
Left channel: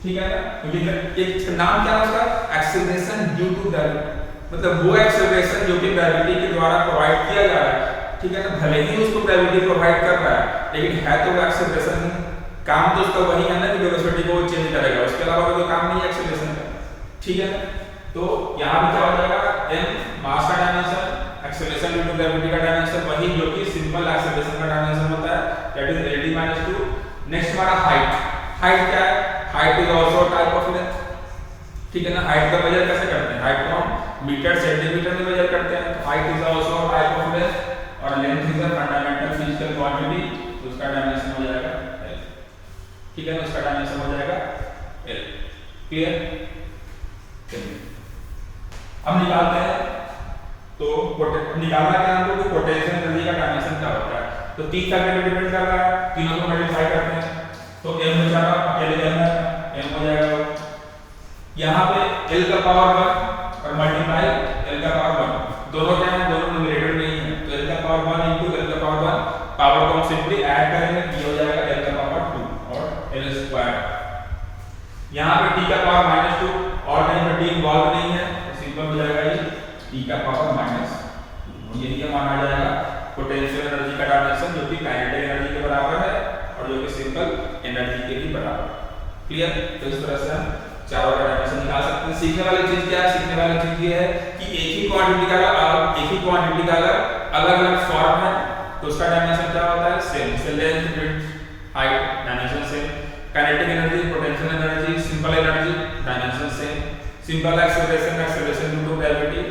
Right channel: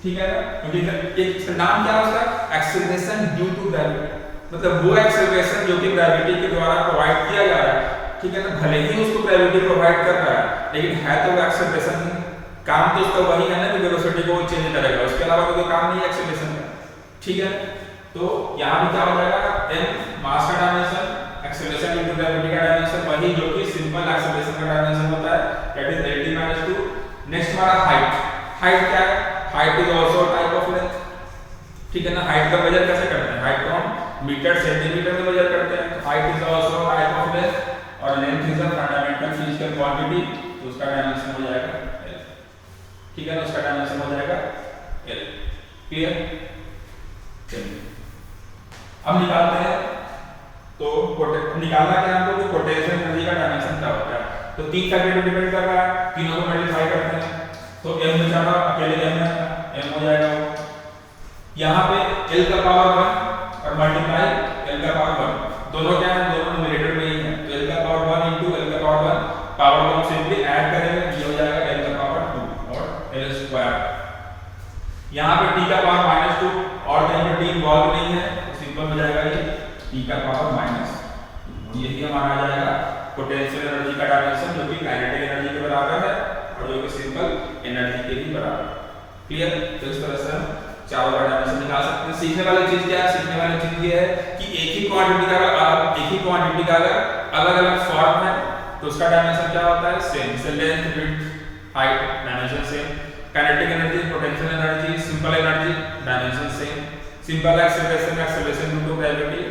ठीक है ना। क्योंकि एक नाम क्या है उसका, एक्सेलरेशन ड्यू टू ग्रेविटी, मतलब वो एक्सेलरेशन जो कि ग्रेविटी के द्वारा प्रोवाइड किया जा रहा है, ठीक है ना। भले ही उसको ग्रेविटी प्रोवाइड कर रहा है लेकिन है तो वो एक्सेलरेशन ही, काम तो उसका वही है ना कि वेलोसिटी को चेंज करेगा, उसके अलावा कोई काम नहीं है एक्सेलरेशन का, ठीक है। तो यहाँ भी क्या हो जाएगा, m मास का dimension, acceleration due to gravity का डायमेंशन वही जो कि सिंपल एक्सेलरेशन का डायमेंशन होता है, that is lt minus 2। Next हमारा हाइट। हाइट क्या है, height is also type of length, ठीक है ना। हाइट का मेजर कैसे करते हैं, हाइट को हम मीटर सेंटीमीटर में मेजर करते हैं, तो height is also type of length. और length is a fundamental physical quantity, तो उसका डायमेंशन हो जाएगा l। ठीक है ना, उसका डायमेंशन हो जाएगा l। क्लियर? चलिए अब निकालते हैं। तो निकालना क्या हमको कि पोटेंशियल एनर्जी का डायमेंशन क्या होता है। तो तीन फैक्टर पे डिपेंड कर रहा है, तीनों को मल्टीप्लाई करते हैं तो m बेचारा अकेले m है, m हो जाएगा यहाँ पे l का पावर 1 और मल्टीप्लाई l का पावर 1, दोनों क्या है, दोनों न्यूमरेटर में ही है, तो l का पावर 1 into l का पावर 1, पावर को हम सिंपली ऐड करेंगे, ये हो जाएगा l का पावर 2 और l स्क्वायर। यहाँ पे t का पावर -2 और कहीं पर t इन्वॉल्व नहीं है, तो सिंपल हो जाएगा ये t का पावर -2। यही हमारा आ जाएगा पोटेंशियल एनर्जी का डायमेंशन, जो कि काइनेटिक एनर्जी के बराबर है और जो कि सिंपल एनर्जी के भी बराबर। क्लियर? तो इस तरह से हम चारों का डायमेंशन निकाल सकते हैं। सीखने वाली चीज क्या है? सीखने वाली चीज ये है कि एक ही क्वांटिटी का अगर अलग-अलग फॉर्म है तो उसका डायमेंशन क्या होता है? सेम। जैसे length, width, height, dimension same. Kinetic energy, potential energy, simple energy, dimension same. Simple acceleration due to gravity,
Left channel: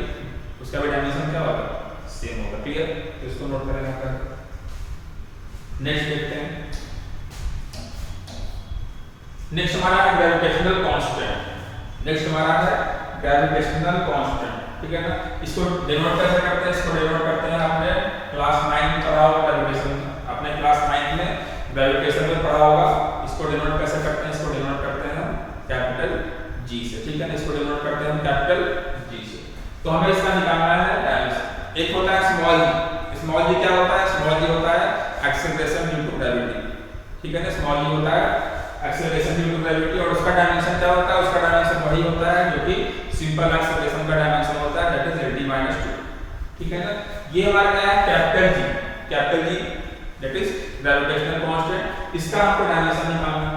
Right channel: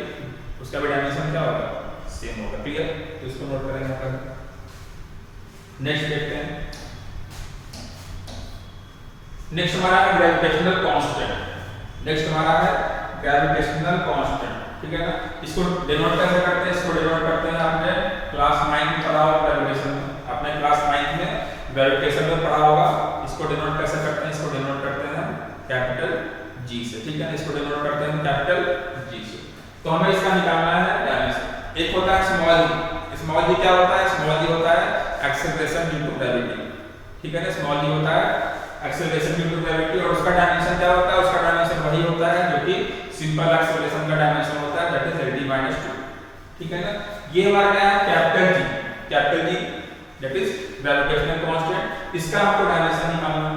उसका भी डायमेंशन क्या होगा? सेम होगा। क्लियर? तो इसको नोट करेंगे अपन। नेक्स्ट देखते हैं। नेक्स्ट हमारा है ग्रेविटेशनल कांस्टेंट। नेक्स्ट हमारा है ग्रेविटेशनल कांस्टेंट। ठीक है ना, इसको डिनोट कैसे करते हैं? इसको डिनोट करते हैं, आपने क्लास 9 में पढ़ा होगा ग्रेविटेशन में, आपने क्लास 9 में ग्रेविटेशन में पढ़ा होगा। इसको डिनोट कैसे करते हैं? इसको डिनोट करते हैं हम कैपिटल G से। ठीक है ना, इसको डिनोट करते हैं हम कैपिटल G से। तो हमें इसका निकालना है डायमेंशन। एक होता है स्मॉल g। स्मॉल g क्या होता है? स्मॉल g होता है एक्सेलरेशन ड्यू टू ग्रेविटी। ठीक है ना, स्मॉल g होता है एक्सेलरेशन ड्यू टू ग्रेविटी और उसका डायमेंशन क्या होता है? उसका डायमेंशन वही होता है जो कि सिंपल एक्सेलरेशन का डायमेंशन होता है, दैट इज LD-2। ठीक है ना, ये हमारा क्या है? Capital G that is gravitational constant. इसका हमको डायमेंशन निकालना है।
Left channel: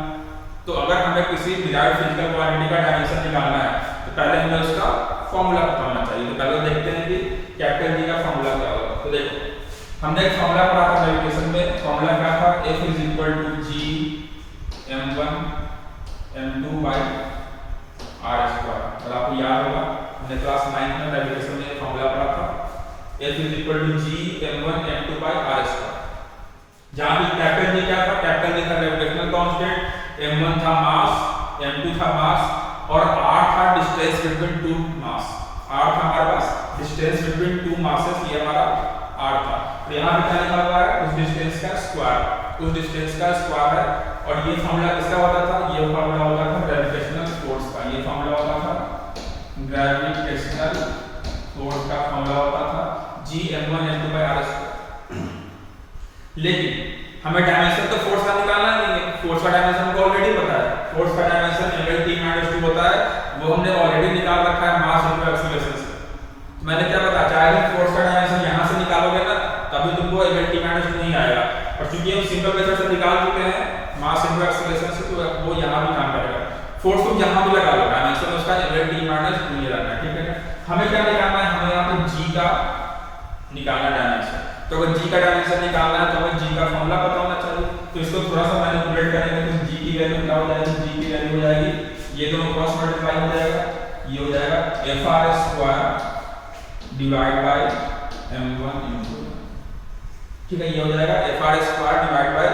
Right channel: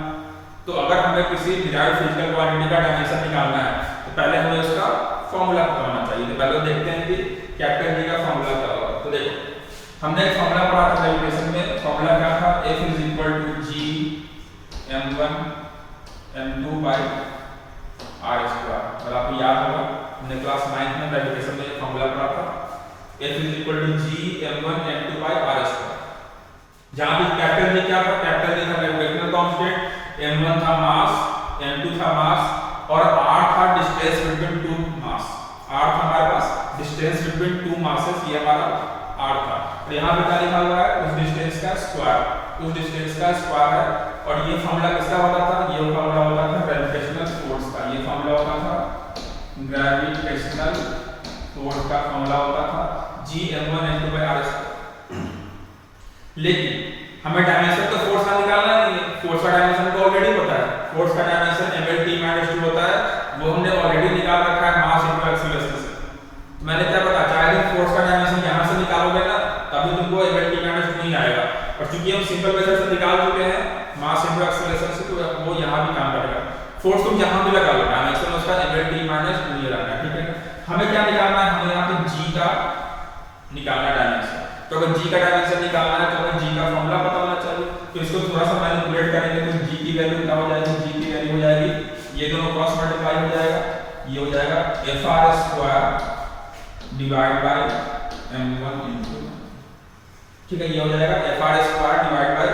तो अगर हमें किसी डिराइव्ड फिजिकल क्वांटिटी का डायमेंशन निकालना है तो पहले हमें उसका फार्मूला पता होना चाहिए। तो पहले देखते हैं कि कैपिटल G का फार्मूला क्या होगा। तो देखो हमने एक फार्मूला पढ़ा था ग्रेविटेशन में, फार्मूला क्या था? F = G m1 m2 by r²। और आपको याद होगा हमने क्लास 9 में ग्रेविटेशन में फार्मूला पढ़ा था, F = G m1 m2 by r²। जहां भी कैपिटल G क्या था? कैपिटल G था ग्रेविटेशनल कांस्टेंट, m1 था मास, m2 था मास और r था distance between two mass. r था हमारे पास डिस्टेंस बिटवीन टू मासेस, ये हमारा r था। और यहां पे क्या लिखा हुआ है? उस डिस्टेंस का स्क्वायर, उस डिस्टेंस का स्क्वायर है। और ये फार्मूला किसका होता था? ये फार्मूला होता था ग्रेविटेशनल फोर्स का। ये फार्मूला होता था ग्रेविटेशनल फोर्स का फार्मूला होता था G m1 m2 by r²। लेकिन हमें डायमेंशन तो फोर्स का निकालना नहीं है, फोर्स का डायमेंशन को ऑलरेडी पता है। फोर्स का डायमेंशन mLT-2 होता है, वो हमने ऑलरेडी निकाल रखा है मास इनटू एक्सीलरेशन से। मैंने क्या बताया? चाहे तुम फोर्स का डायमेंशन यहां से निकालोगे ना तभी तुमको mLT-2 नहीं आएगा, और चूंकि हम सिंपल मेथड से निकाल चुके हैं मास इनटू एक्सीलरेशन से, तो वो यहां भी काम करेगा। फोर्स तुम यहां भी लगा लो, डायमेंशन उसका mLT-2 ये रखना है। ठीक है, हमें क्या निकालना है? हमें यहां पे G का निकालना डायमेंशन। तो अगर G का डायमेंशन निकालना है तो हमें G का फार्मूला पता होना चाहिए। तो इसको थोड़ा सा मैनिपुलेट करेंगे तो G की वैल्यू क्या हो जाएगी? G की वैल्यू हो जाएगी, ये दोनों क्रॉस मल्टीप्लाई हो जाएगा, ये हो जाएगा Fr² divide by m1 into। ठीक है, ये हो जाएगा Fr² divide by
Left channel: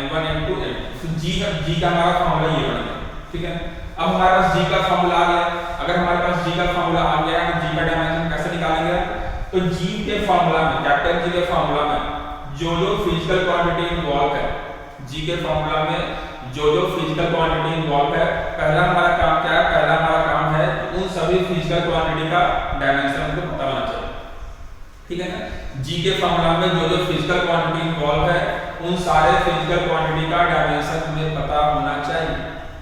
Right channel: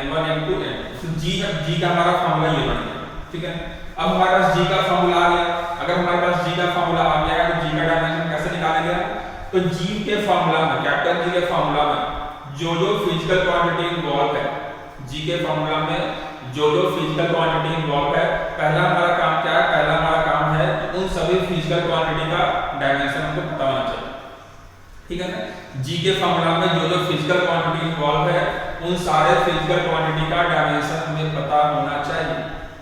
m1 into m। तो G का हमारा फार्मूला ये बन गया। ठीक है, अब हमारे पास G का फार्मूला आ गया। अगर हमारे पास G का फार्मूला आ गया है तो G का डायमेंशन कैसे निकालेंगे? तो G के फार्मूला में, कैपिटल G के फार्मूला में जो फिजिकल क्वांटिटी इन्वॉल्व है, G के फार्मूला में जो फिजिकल क्वांटिटी इन्वॉल्व है, पहला हमारा काम क्या है? पहला हमारा काम है कि उन सभी फिजिकल क्वांटिटी का डायमेंशन हमको पता होना चाहिए। ठीक है ना, G के फार्मूला में जो फिजिकल क्वांटिटी इन्वॉल्व है उन सारे फिजिकल क्वांटिटी का डायमेंशन हमें पता होना चाहिए।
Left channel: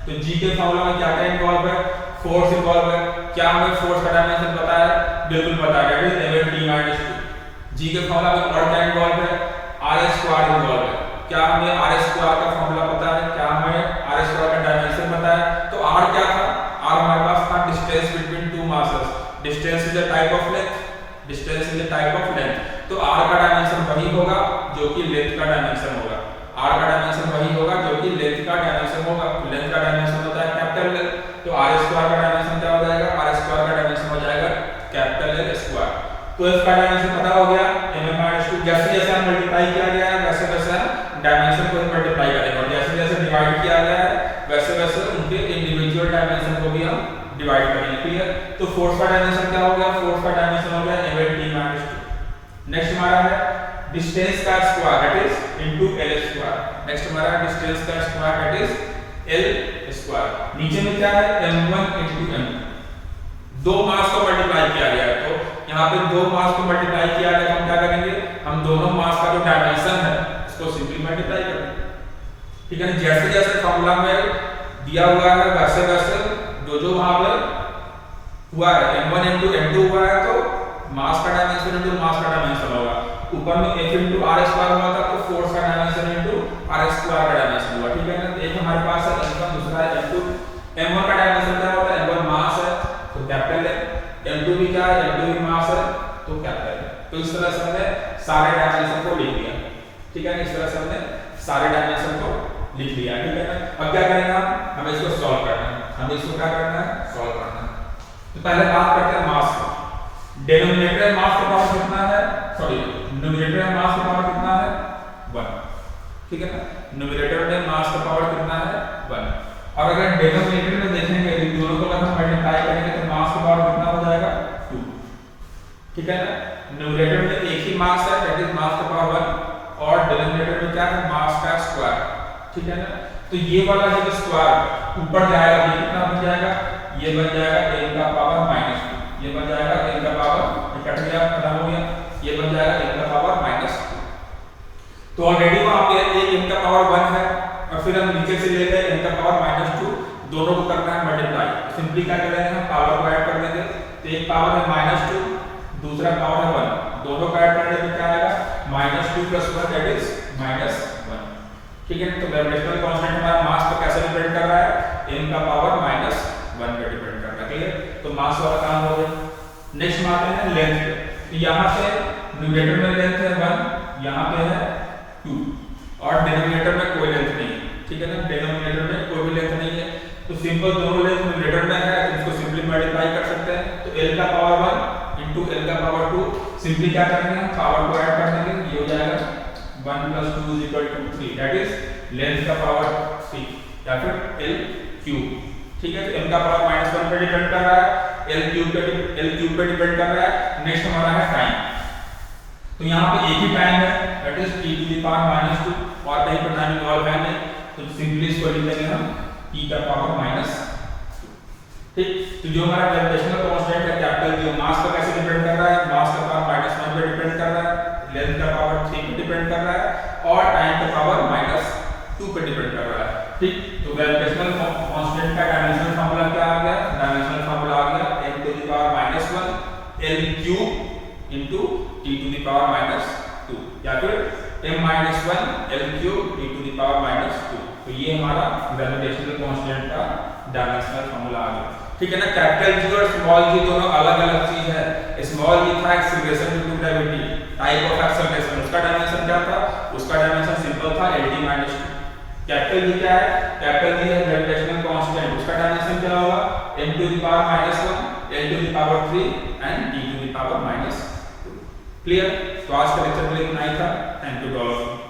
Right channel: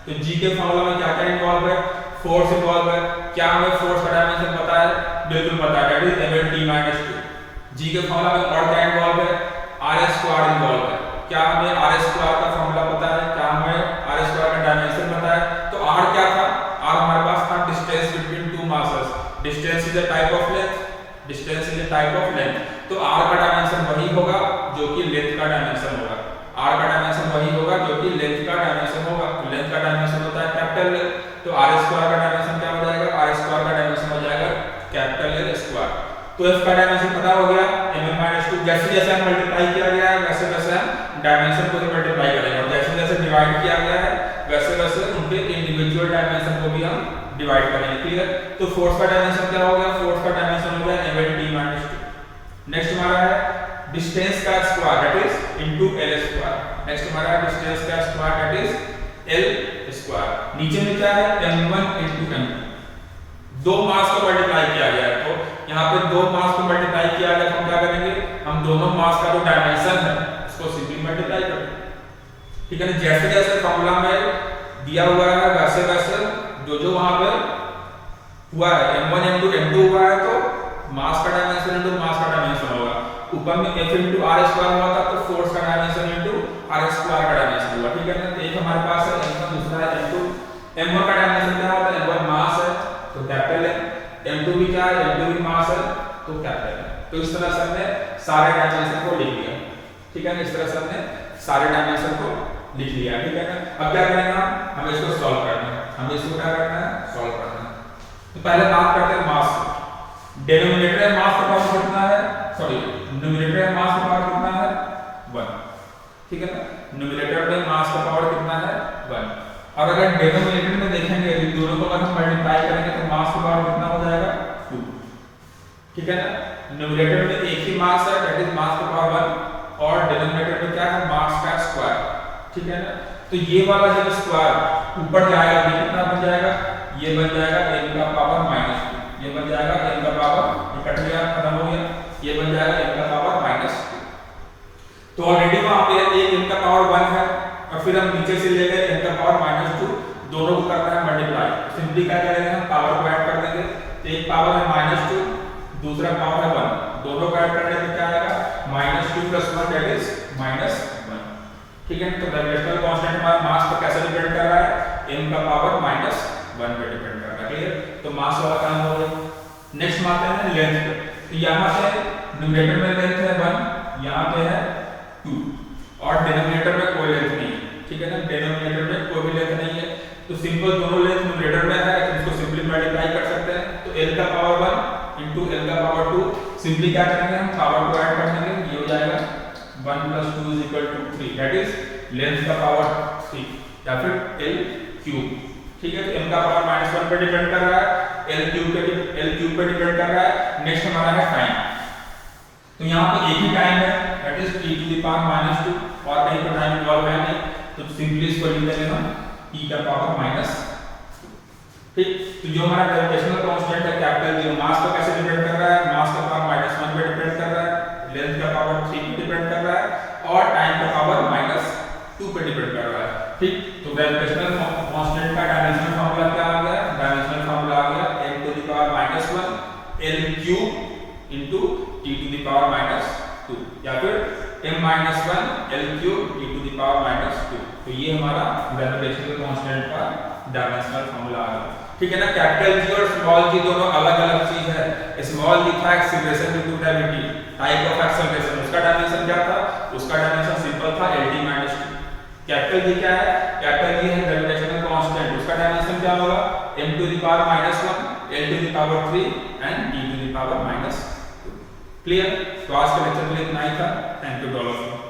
तो G के फार्मूला में क्या क्या इन्वॉल्व है? फोर्स इन्वॉल्व है। क्या हमें फोर्स का डायमेंशन पता है? बिल्कुल पता है, दैट इज mLT-2। G के फार्मूला में और क्या इन्वॉल्व है? r² इन्वॉल्व है। क्या हमें r² का फार्मूला पता है? क्या हमें r² का डायमेंशन पता है? तो r क्या था? r हमारे पास था distance between two masses. Distance is a type of length, distance is a type of length. तो r का डायमेंशन वही होगा जो कि लेंथ का डायमेंशन होगा। r का डायमेंशन वही होगा जो कि लेंथ का डायमेंशन होगा। लेंथ का डायमेंशन होता है कैपिटल L, तो r² का डायमेंशन क्या हो जाएगा? r² का डायमेंशन हो जाएगा कैपिटल L²। तो f का डायमेंशन पता हो गया, mm-2 जैसे जैसे हम मल्टीप्लाई किया गया है वैसे वैसे हम डायमेंशन को मल्टीप्लाई करेंगे और जैसे जैसे डिवाइड किया गया है वैसे वैसे उनके इंडिविजुअल डायमेंशन को भी हम डिवाइड करेंगे। क्लियर? तो फोर्स का डायमेंशन क्या हो गया? फोर्स का डायमेंशन हो गया m/t-2। नेक्स्ट हमारा है डिस्टेंस का square that is into l square. Next हमारा है डिस्टेंस का square that is l square. नीचे में क्या है m1 * m2। दो मास को मल्टीप्लाई किया गया है तो यहाँ पे दो मास को मल्टीप्लाई किया गया तो हम क्या करेंगे? हम दोनों मास का जो डायमेंशन है उसको सिंपली मल्टीप्लाई करेंगे। ठीक है ना? जैसे जैसे फॉर्मूला में दिया हुआ है वैसे वैसे जो वहां पर हुआ है m1 m2 m2 हुआ है तो मास का डायमेंशन इनटू मास का डायमेंशन होगा। ऊपर में f * r² हुआ था तो फोर्स का डायमेंशन इनटू r² का डायमेंशन हुआ। ठीक है ना? एक हमारे पास है m1 दूसरा है m2। m1 का डायमेंशन क्या होता है? m1 मास है तो कैपिटल है, m2 भी क्या है? m2 भी मास है तो कैपिटल है। तो इस तरह से हमने सारे डायमेंशन को लिख लिया। ठीक है ना? इस तरह से हमने सारे डायमेंशन को लिख लिया। ठीक है ना? अब क्या करेंगे? हमें इसको सॉल्व करना है। हमें इसको क्या करना है? सॉल्व करना है। तो पहले बात करते हैं मास की। डिनोमिनेटर में मास का पावर कितना है? सॉरी, न्यूमरेटर में मास का पावर कितना है? 1। ठीक है ना? न्यूमरेटर में मास का पावर कितना है? 1। और अगर डिनोमिनेटर में देखेंगे तो दोनों को अगर हम मल्टीप्लाई करेंगे तो मास का पावर कितना हो जाएगा? 2। ठीक है ना? न्यूमरेटर में एक ही मास है दैट इज मास का पावर 1 और डिनोमिनेटर में क्या है? मास का स्क्वायर। ठीक है ना? तो ये वाला जब स्क्वायर ऊपर जाएगा ये कितना बन जाएगा? ये बन जाएगा n का पावर -2। ये बन जाएगा n का पावर कट गया खत्म हो गया। ये बन जाएगा n का पावर -2। तो ऑलरेडी वहां पे एक n का पावर 1 है और फिर हम नीचे से ले गए n का पावर -2। दोनों को करना है मल्टीप्लाई। सिंपली क्या करेंगे? हम पावर को ऐड कर देंगे। तो एक पावर है -2 दूसरा पावर है 1। दोनों को ऐड करने पे क्या आएगा? -2 + 1 दैट इज -1। ठीक है? तो ग्रेविटेशनल कांस्टेंट हमारा मास पर कैसे डिपेंड कर रहा है? n का पावर -1 पे डिपेंड कर रहा है। क्लियर? तो मास वाला काम हो गया। नेक्स्ट हम आते हैं लेंथ पे। तो यहां से न्यूमरेटर में लेंथ है 1, यहां पे है 2 और डिनोमिनेटर में कोई लेंथ नहीं है। ठीक है ना? डिनोमिनेटर में कोई भी लेंथ नहीं है तो सिंपल दोनों लेंथ न्यूमरेटर में है तो इसको सिंपली मल्टीप्लाई कर सकते हैं। तो l का पावर 1 * l का पावर 2 सिंपली क्या करेंगे? हम पावर को ऐड कर देंगे। ये हो जाएगा 1 + 2 = 3 दैट इज लेंथ का पावर 3 या फिर l3। ठीक है? तो m का पावर -1 पे डिपेंड कर रहा है, l3 पे डिपेंड कर रहा है। नेक्स्ट हमारा है टाइम। तो यहाँ पे एक ही टाइम है दैट इज t⁻² और कहीं पर टाइम इन्वॉल्व है नहीं तो सिंपली इसको लिख लेंगे हम t का पावर -2। ठीक? तो जो हमारा ग्रेविटेशनल कांस्टेंट है कैपिटल G मास पर कैसे डिपेंड कर रहा है? मास का पावर -1 पे डिपेंड कर रहा है, लेंथ का पावर 3 पे डिपेंड कर रहा है और टाइम का पावर -2 पे डिपेंड कर रहा है। ठीक? तो ग्रेविटेशनल कांस्टेंट का डायमेंशनल फार्मूला क्या आ गया? डायमेंशनल फार्मूला आ गया m⁻⁻⁴ L³ × t⁻², या फिर m-1 L³ t⁻²। तो ये हमारा ग्रेविटेशनल कांस्टेंट का डायमेंशनल फार्मूला आ गया। ठीक है ना? कैपिटल G और स्मॉल g दोनों अलग अलग चीज है। स्मॉल g था acceleration due to gravity, type of acceleration. उसका डायमेंशन क्या था? उसका डायमेंशन सिंपल था LD-2। कैपिटल G क्या है? कैपिटल G है ग्रेविटेशनल कांस्टेंट। उसका डायमेंशन क्या होगा? m⁻⁻⁴ L³ and t⁻²। Clear? तो आज का लेक्चर में इतना ही था। Thank you all of you.